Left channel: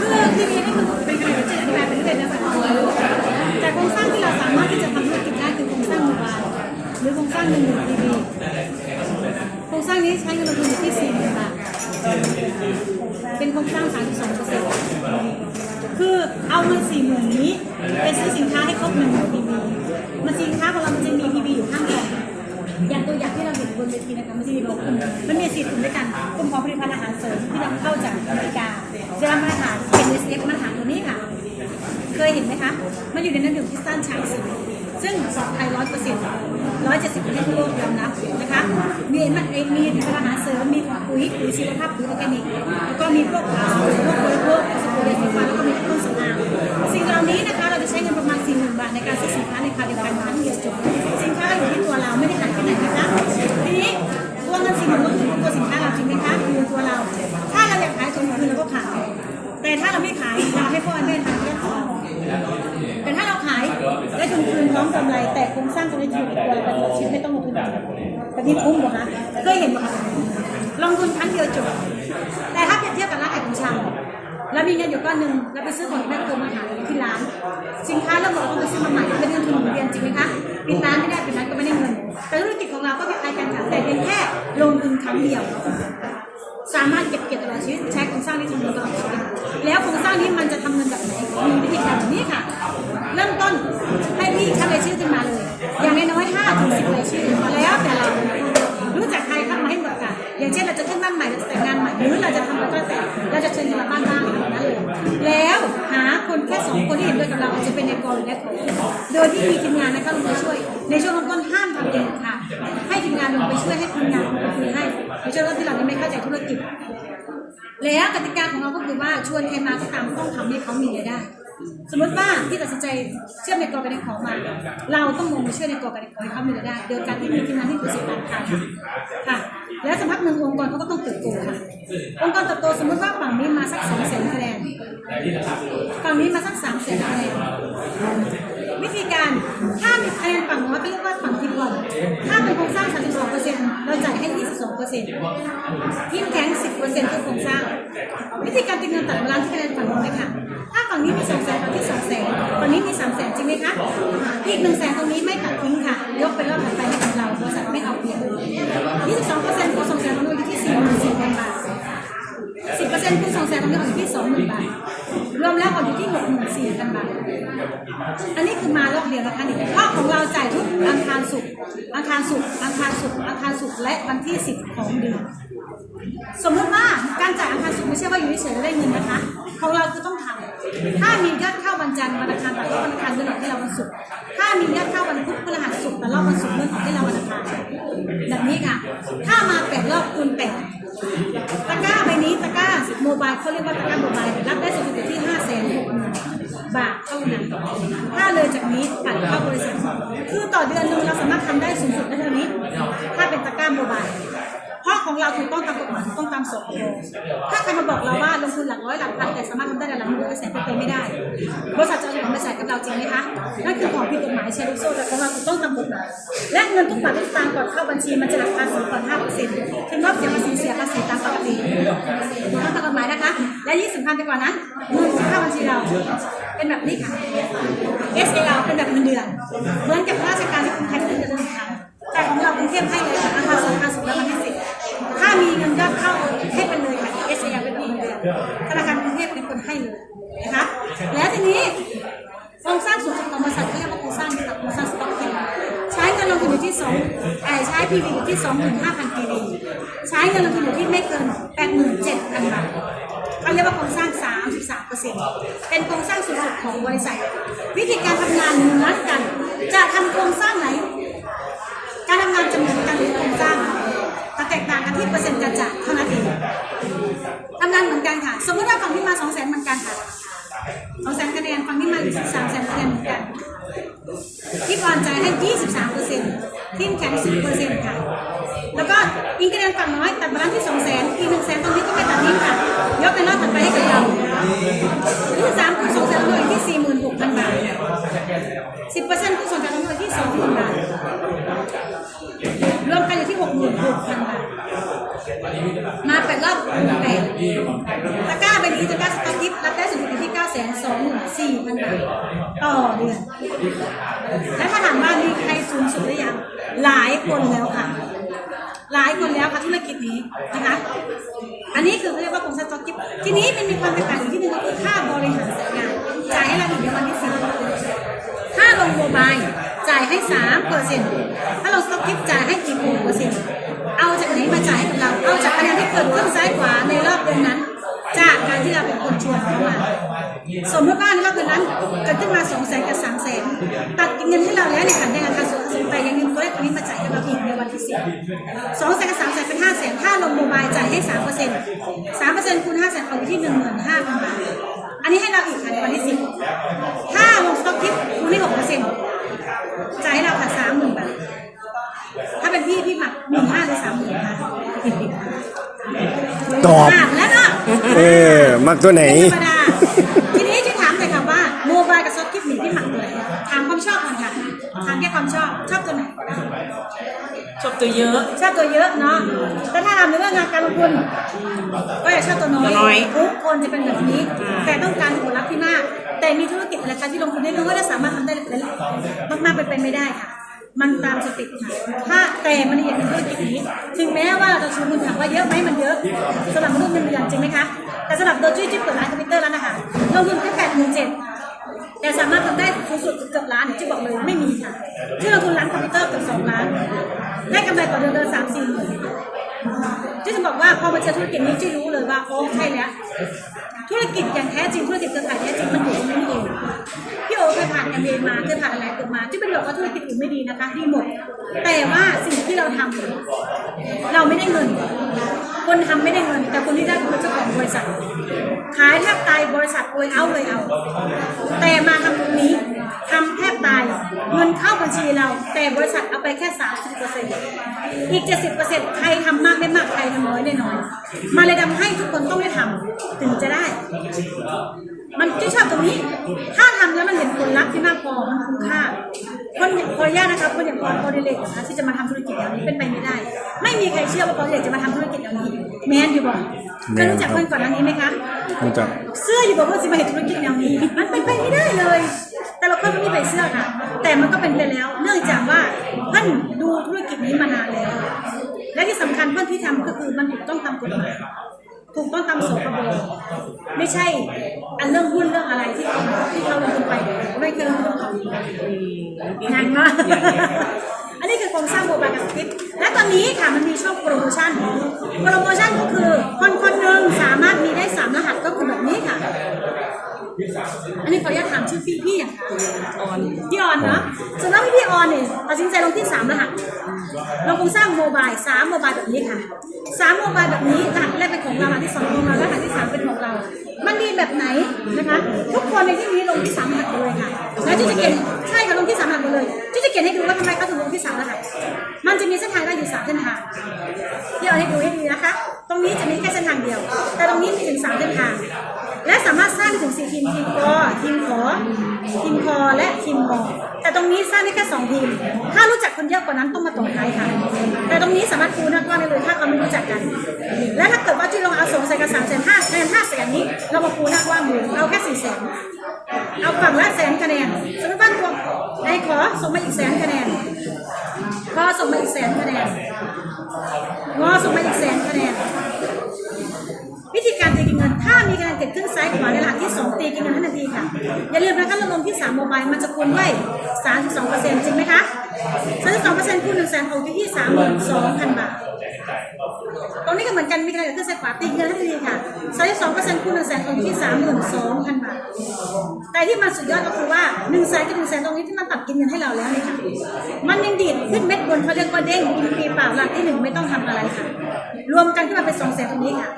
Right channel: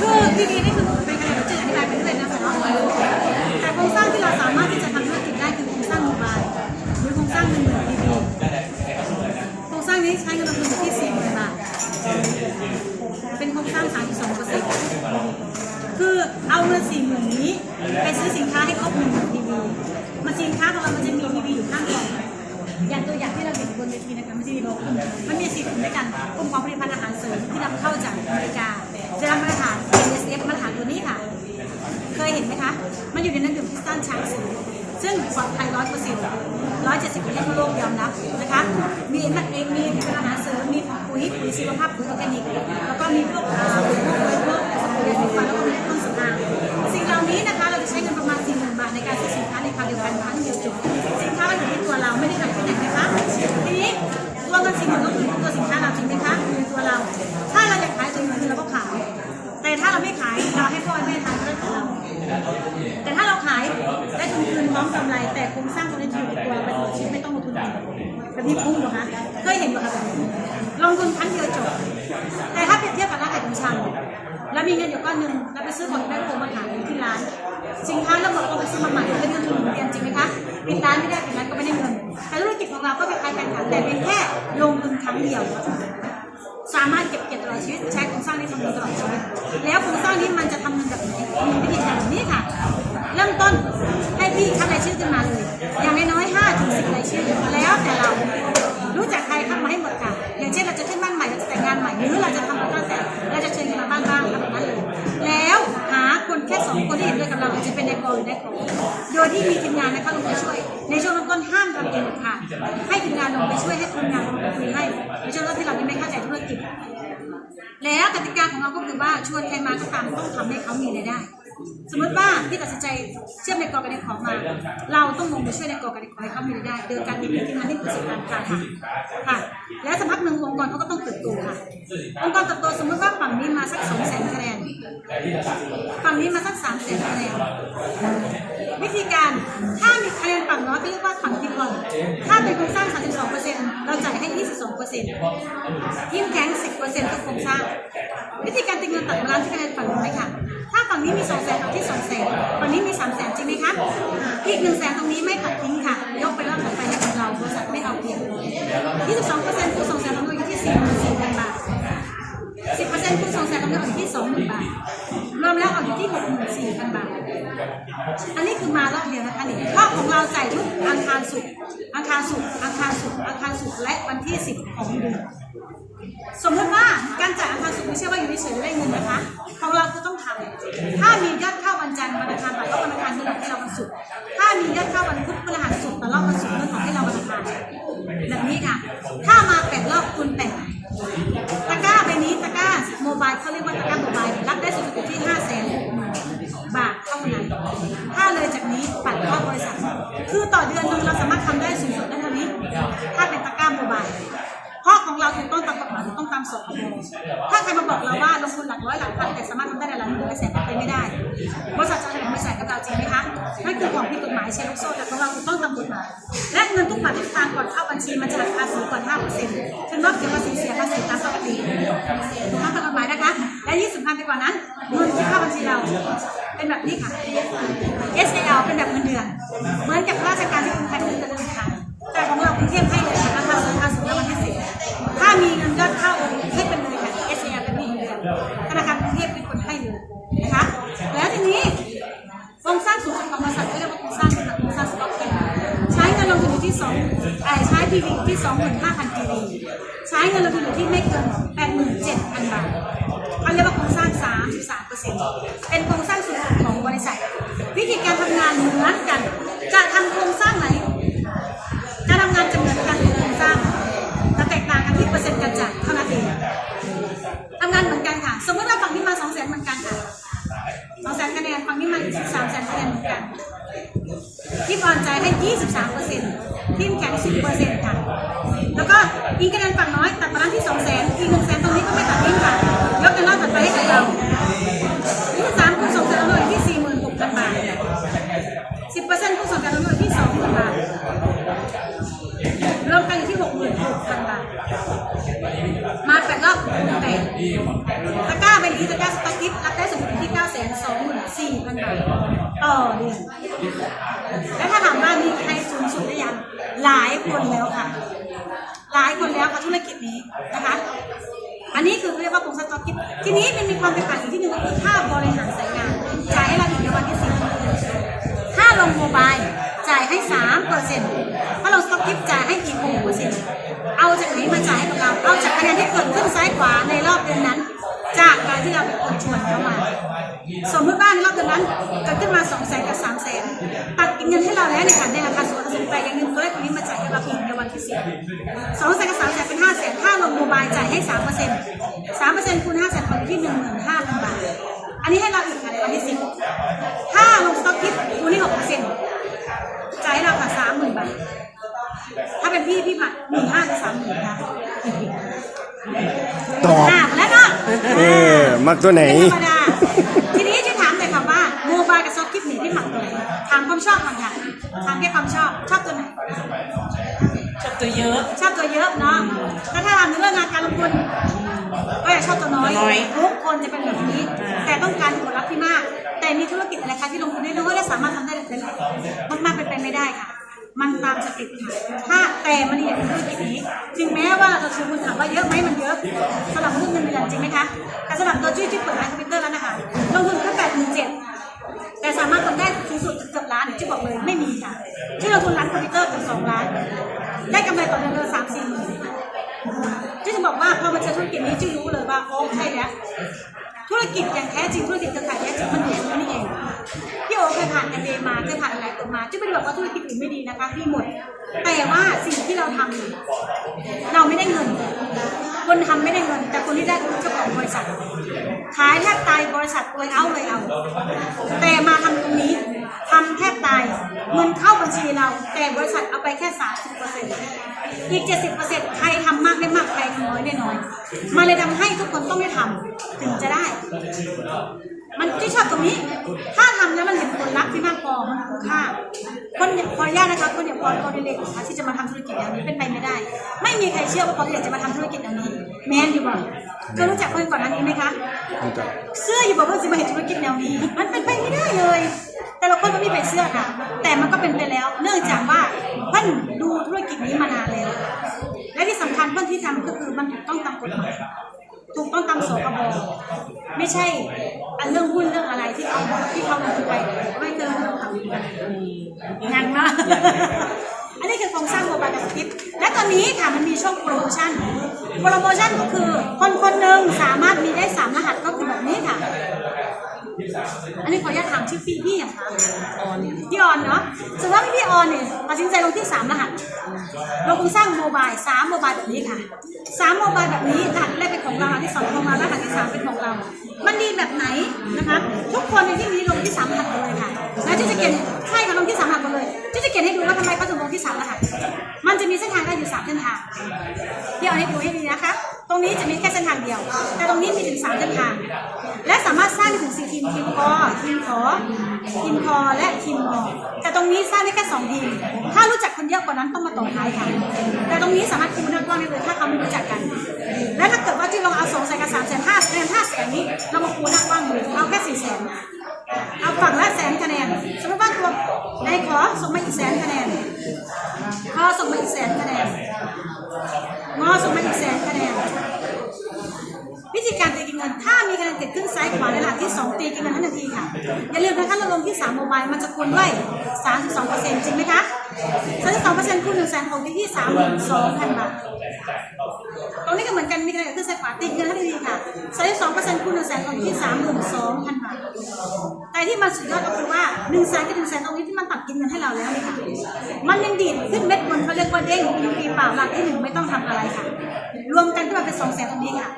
คือทีวีนี่คือเป็นการจิตวิทยาเป็นเรื่องนะคะแต่โครงสร้างที่เราสามารถที่จะทำธุรกิจได้คือโครงสร้างโมบายหรือโครงสร้างหนึ่งหนึ่งทีวีโครงสร้างนี้ใช้เงินลงทุนอยู่ที่สี่หมื่นบาทเป็นโครงสร้าง32เปอร์เซ็นต์คือเอาเงินสี่หมื่นนี้ไปซื้อสินค้าให้ครบหนึ่งหมื่นทีวีมาสินค้าของเรามันจะมีทีวีอยู่ข้างกล่อง อย่างตัวอย่างที่เราเห็นบนเวทีนะคะมันจะมีโลโก้มันมีสี่กลุ่มด้วยกันกลุ่มของผลิตภัณฑ์อาหารเสริมที่นำเข้าจากอเมริกาจะนำมาตรฐาน NSF มาตรฐานตัวนี้ค่ะ เคยเห็นไหมคะมันอยู่ในน้ำดื่มที่สั้นช้างสีซึ่งปลอดภัยร้อยเปอร์เซ็นต์ร้อยเจ็ดสิบประเทศทั่วโลกยอมรับนะคะมีมันมีอาหารเสริมมีปุ๋ยปุ๋ยชีวภาพปุ๋ยออร์แกนิกแล้วก็มีพวกอ่าพวกเบอร์เกอร์สปูเรสีฟันแล้วก็มีเครื่องสำอางสิ่งเหล่านี้นะคะเราจะใช้เงินประมาณสี่หมื่นบาทในการซื้อสินค้าในคราวเดียวกันครั้งเดียวจบสินค้า ลงทุนครั้งเดียวจบ แต่ถ้าเปรียบเทียบกับร้านขายของชำแล้วมีเงินอยู่ก้อนหนึ่งแล้วไปซื้อของที่แม่โครมาขายที่ร้าน สินค้าเราบอกต้องไปซื้อมาใหม่เป็นเงินทุนหมุนเวียนจริงไหมคะปิดร้านไม่ได้ปิดร้านก็ไม่ได้เงิน แต่ธุรกิจของเราก็คล้ายๆกันค่ะแต่เป็นแค่ลงทุนครั้งเดียว สามารถเก็บเกี่ยวตลอดชีวิตใช้โครงสร้างนี้ทำเงินตลอดชีวิตแล้วโครงสร้างนี้มันจะทำเงินแบบไหนมีวิธีการแบบนี้ค่ะเริ่มต้นให้พี่คัดรายชื่อขึ้นมาเลยอย่างน้อยๆห้าถึงสิบรายชื่อแล้วแต่เรา บ้านบ้างทำนั้นเลยแล้วหาคนแค่สองคนที่เห็นด้วยกับเราอาจจะเป็นในกอหรือในขอโดยที่มีทีมงานนะคะลงไปช่วย ในช่วงเริ่มต้นห้ามทำเองค่ะ ให้ทีมงานลงไปช่วยให้คนงานลงไปคุยให้ในช่วงเริ่มที่เรายังไม่เข้าใจธุรกิจ แล้วกติกาของเราก็คือว่าชวนใครมาก็ตามต้องทำให้เขามีรายได้สมมติว่าที่ตัดสินใจเชื่อมในกอกันในขอมา เราต้องลงไปช่วยในกอกันในขอให้เขามีรายได้โดยการที่มีทีมงานที่ประสบการณ์การทำค่ะ แล้วสักพักหนึ่งองค์กรเขาก็ต้องเติบโตค่ะ องค์กรเติบโตสมมติว่าฝั่งนี้มาสักสองแสนคะแนนฝั่งนี้มาสักสามแสนคะแนนวิธีการถ้ามีคะแนนฝั่งน้อยก็เรียกว่าฝั่งทีมบอลถ้าเป็นโครงสร้าง 32%เราจ่ายให้ 22%ทีมแข็ง 10%ทุกโครงสร้าง วิธีการตีเงินตัดบาลานซ์ที่คะแนนฝั่งน้อยค่ะ ถ้าฝั่งนี้มี2 0 0 0 0 0ฝั่งที่2 0 0 0 0ฝั่งนี้มี3 0 0 0 0 0จริงไหมคะอีก1 0 0 0 0 0ตรงนี้ไม่ตัดทิ้งค่ะ ยกไปรอบถัดไปให้กับเราบริษัทไม่เอาเปรียบ22%คูณ2 0 0 0 0ตรงนี้อยู่ที่ 44,000 บาท 10%คูณ2 0 0 0 0ต รงนี้อยู่ที่20,000บาท รวมแล้วออกอยู่ที่64,000บาท อันนี้คือมารอบเดียวนะคะนี่รอบของเราจ่ายทุกอังคารศุกร์อังคารศุกร์อังคารศุกร์อังคารศุกร์และวันที่10ของเดือน สมมติว่าการจ่ายอังคารศุกร์ไม่ใช่ว่าอยู่เฉยๆได้เงินนะคะ ของเราคือต้องทำถ้ามียอดเข้าวันจันทร์วันอังคารตัดรอบวันอังคารเงินออกให้เราวันศุกร์ ถ้ามียอดเข้าวันพุธพฤหัสศุกร์ตัดรอบวันศุกร์เงินออกให้เราวันอังคารแบบนี้ค่ะ ถ้ามาแปดรอบคูณแปด เขาเรียกว่าตะกร้าโมบายรับได้สูงสุดที่ห้าแสนบาทเท่านั้น ถ้าเลยจากนี้ปัดเข้าบริษัท คือต่อเดือนหนึงเราสามารถทำได้สูงสุดได้เท่านี้ ถ้าเป็นตะกร้าโมบายเพราะของเราถูกต้องตามกฎหมายต้องตามสกถ้าใครมาบอกเราว่าลงทุนหลักร้อยหลักพันแต่สามารถทำได้หลายหมื่นแสนเป็นไปไม่ได้ บริษัทจะ เอาของมาใส่กับเราจริงไหมคะนั่นคือของผิดกฎหมายเชลลูกโซ่แต่ของเราถูกต้องตามกฎหมาย และเงินทุกบาททุกสตางค์ก่อนเข้าบัญชีมันจะหักภาษีก่อนห้าเปอรับเสียภาษีเสียภาษีตามปกติถูกต้องตามกฎหมายนะคะ และยี่สิบพันไปกว่านั้นเงินที่เข้าบัญชีเรา เป็นแบบนี้ค่ะ SAL เป็นแบบเงินเดือน ต่ใช้ PV อยู่ที่ 25,000 PV ใช้เงินลงทุนอยู่ที่ไม่เกิน 87,000 บาทเขาเรียกว่าโครงสร้าง 33%เป็นโครงสร้างสูงสุดของบริษัท วิธีการทำงานเหมือนกัน จะทำโครงสร้างไหน การทำงานจะเหมือนกันหรือโครงสร้างแต่แตกต่างกันที่ เปอร์เซ็นต์ค่ะ แล้วก็อีกคะแนนฝั่งน้อยตัดบาลานซ์ที่2 0 0 0 0 0อีก1 0 0 0 0 0ตรงนี้ก็ไม่ตัดทิ้งค่ะ ยกในรอบถัดไปให้กับเรา23คูณ2 0 0 0 0หน่วยที่46,000บาท10เปอร์เซ็นต์คูณ2 0 0 0 0หน่วยที่20,000บาทรวมกันอยู่ที่66,000บาท มาแปดรอบคูณแปดตะกร้าเป็นที่ตะกร้าสต็อกกิฟต์รับได้สูง สุดอยู่ที่9 2 4 0 0 0บาทต่อเดือน แล้วถ้าถามว่ามีใครสูงสุดหรือยัง หลายคนแล้วค่ะ หลายคนแล้วค่ะธุรกิจนี้นะคะ อันนี้คือเรียกว่าโครงสต็อกกิฟทีนี้มันมีความแตกต่างอยู่ที่หนึ่งก็คือค่าบริหารสายงาน จ่ายให้เราอีกในวันที่สี่ถ้าลงโมบายจ่ายให้สามเปอร์เซ็นต์ถ้าลงสต็อกกิฟจ่ายให้อีกหกเปอร์เซ็นต์เอาจากไหนมาจ่ายให้กับเรา เอาจากคะแนนที่เกิดขึ้นซ้ายขวาในรอบเดือนนั้น จากการที่เราเป็นคนชวนเขามา สมมติว่าในรอบเดือนนั้นเกิดขึ้นมา2 0 0แสนกับ3 0 0แสนตัดเงินที่เราแล้วในฐานแดงราคาสูงแต่ยังเงินตัวเลขนี้มาจ่ายให้เราอีกในวันที่สิบสองแสนกับสามแสนเป็นห้าแสนถ้าลงโมบายจ่ายให้สามเปอร์เซ็นต์สามเปอร์เซ็นต์คูณห้าแสนของที่หนึ่งหมื่นห้าพันบาทอันนี้ให้เราอีกค่ะในวันที่สิบถ้าลงสต็อกคิดคูณที่หกเปอร์เซ็นต์จ่ายให้เราค่ะสามหมื่นบาทถ้าเป็นพี่พี่หมัดหมื่นห้าหรือสามหมื่นค่ะตอบอะแล้ว เนาะเออ มักตัวไหน ธรรมดาทีนี้จะถามเลยค่ะว่าโมบายกับซอฟต์คลิปหนึ่งที่หมักตัวไหนถามความชอบก่อนค่ะถามแค่ความชอบชอบตัวไหนชอบตัวเยอะ ชอบตัวเยอะเนาะแต่ถ้าทำในเรื่องงานการลงทุนก็อยากชอบตัวน้อยตัวน้อยทุกคนจะเป็นแบบนี้ อ่า แต่ต้องการผลลัพธ์ที่มาก แต่มีธุรกิจอะไรคะที่ลงทุนได้รู้ว่าจะสามารถทำได้มากๆเป็นไปไม่ได้ค่ะ มันตามสติค่ะถ้าแต่มันเห็นธุรกิจนี้ ถึงแม้ว่าเราจะชูเงินถามว่าเยอะไหมมันเยอะสำหรับมนุษย์เงินเดือนจริงไหมคะแต่สำหรับตัวจุ้ยที่เปิดร้านคอมพิวเตอร์แล้วนะคะลงทุนแค่แปดหมื่นเจ็ดแต่สามารถทำได้สูงสุดเกือบล้านที่บอกเลยไม่มีค่ะที่เราทุนร้านคอมพิวเตอร์เกับสองล้านได้กำไรต่อเดือนเดือนสามสี่หมื่นที่จะบอกว่าพอมาเจอธุรกิจนี้ที่รู้เลยว่าโอ้ใช่แล้วธุรกิจอย่างแท้จริงธุรกิจเครือข่ายแท้จริงมันอยู่ตรงนี้นี่เอง อเคยผ่าน MBA มาเคยผ่านอะไรตัวมาที่ไม่ได้บอกว่าธุรกิจอื่นไม่ดีนะคะดีหมด แต่ว่าสิ่งที่เราทำเนี่ยเราไม่ได้เงิน คนทำไม่ได้เงิน แต่คนที่ได้คือเจ้าของบริษัท ขายแทบตายบริษัทเลยเอาเลยเอา แต่มาทำตรงนี้ทำแทบตายเงินเข้าบัญชีเรา แต่บริษัทเอาไปแค่สามสิบเปอร์เซ็นต์อีกเจ็ดสิบเปอร์เซ็นต์ใครทำมากได้มากใครทำน้อยได้น้อยมาเลยทำให้ทุกคนต้องได้ทำถึงจะได้ มันที่ชอบตรงนี้ ถ้าทำแล้วมันเห็นผลลัพธ์ที่มากพอมันคุ้มค่า คนขออนุญาตนะคะคนอย่างปอนปอนดิเลกนะคะที่จะมาทำธุรกิจแบบนี้เป็นไปไม่ได้ ไม่มีใครเชื่อว่าปอนดิเลกจะมาทำธุรกิจแบบนี้แมนอยู่บ่เคยรู้จักคนก่อนหน้านี้ไหมคะรู้จักเสื้ออยู่บอกว่าจะมาเห็นธุรกิจแนวนี้มันเป็นไปไม่ได้เลย แต่ละคนมันไม่เป็นเสื้อค่ะ แต่มันก็เป็นไปแล้ว เนื่องจากว่าเพื่อนดูธุรกิจนี้มานานแล้วและที่สำคัญเพื่อนที่ทำก็คือมันถูกต้องตามกฎหมาย ถูกต้องตามสคบไม่ใช่ อันเรื่องหุ้นเรื่องอะไรที่เขาที่เขาลงทุนไปไม่เคยลงทุนทำงานมากอันนี้คือโครงสร้างโมบายกับสคริปต์และตอนนี้ค่ะมันมีช่วงโปรโมชั่น โปรโมชั่นก็คือคนคนหนึ่งสามารถมีได้สามรหัสก็คือแบบนี้ค่ะ อันนี้ขออนุญาตถามชื่อพี่พี่อย่างคะออนพี่ออนเนาะสมมติว่าพี่ออนเนี่ยตัดสินใจลงที่สามรหัสลงทุนสร้างโมบายสามโมบายแบบนี้ค่ะสามโมบายแบบนี้รหัสแรกเป็นของเรารหัสที่สองของเรารหัสที่สามเป็นของเรา มันดีแบบไหนนะคะ ทุกคนในที่นี้ลงที่สามรหัสหมดเลยค่ะแล้วที่จะเขียนใช่ค่ะลงที่สามรหัสหมดเลยที่จะเขียนให้ดูว่าทำไมเขาถึงลงที่สามรหัส มันจะมีเส้นทางได้อยู่สามเส้นทางพี่เอาให้ดูให้ดีนะคะ ตรงนี้จะมีแค่เส้นทางเดียว แต่ตรงนี้มีถึงสามเส้นทาง และสามารถสร้างถึงสี่ทีมทีมกอทีมขอทีมคอและทีมงอแต่ตรงนี้สร้างได้แค่สองทีม ถ้ารู้จักคนเยอะกว่านั้นต้องมาต่อท้ายค่ะ แต่ตรงนี้สามารถปูนักว่าได้เลย ถ้าเขาไม่รู้จักกัน และถ้าเกิดว่าที่เราเอาสองแสนกับสามแสนห้าแสนห้าแสนนี้ เรามาปูณนักว่างเลยเอาแค่สี่แสนเอาฝั่งละแสนคะแนนสมมติว่าในขอส่งมาอีกแสนคะแนน มาอีกแสนคะแนนงอส่งมาอีกแสนคะแนนวิธีการตีกินเงิน ถ้ามีคะแนนเกิดขึ้นซ้ายขวาในหลักที่2ตีกินเงินทันทีค่ะ อย่าลืมนะคะเราลงที่3โมบายมันจะคูณด้วย 32%จริงไหมคะ32%คูณ1แสนของที่ที่32,000 บาท รงนี้ก็เหมือนกันมีคะแนนเกิดขึ้นซ้ายขวาตีกินเงินทันทีค่ะ32%คูณ1แสนของที่นสองพันบาท แต่ที่มันสุดยอดก็คือว่าหนึ่งแสนกับหนึ่งแสนตรงนี้ที่มันตัดกินเงินให้เราแล้วนี่ค่ะ มันยังดีดขึ้นเม็ดบนเขาเรียกว่าเด้งปีเปล่าหลักที่หนึ่งไม่ต้องทำอะไรค่ะ รวมกันขึ้นมาเป็นสองแสนตรงนี้ค่ะ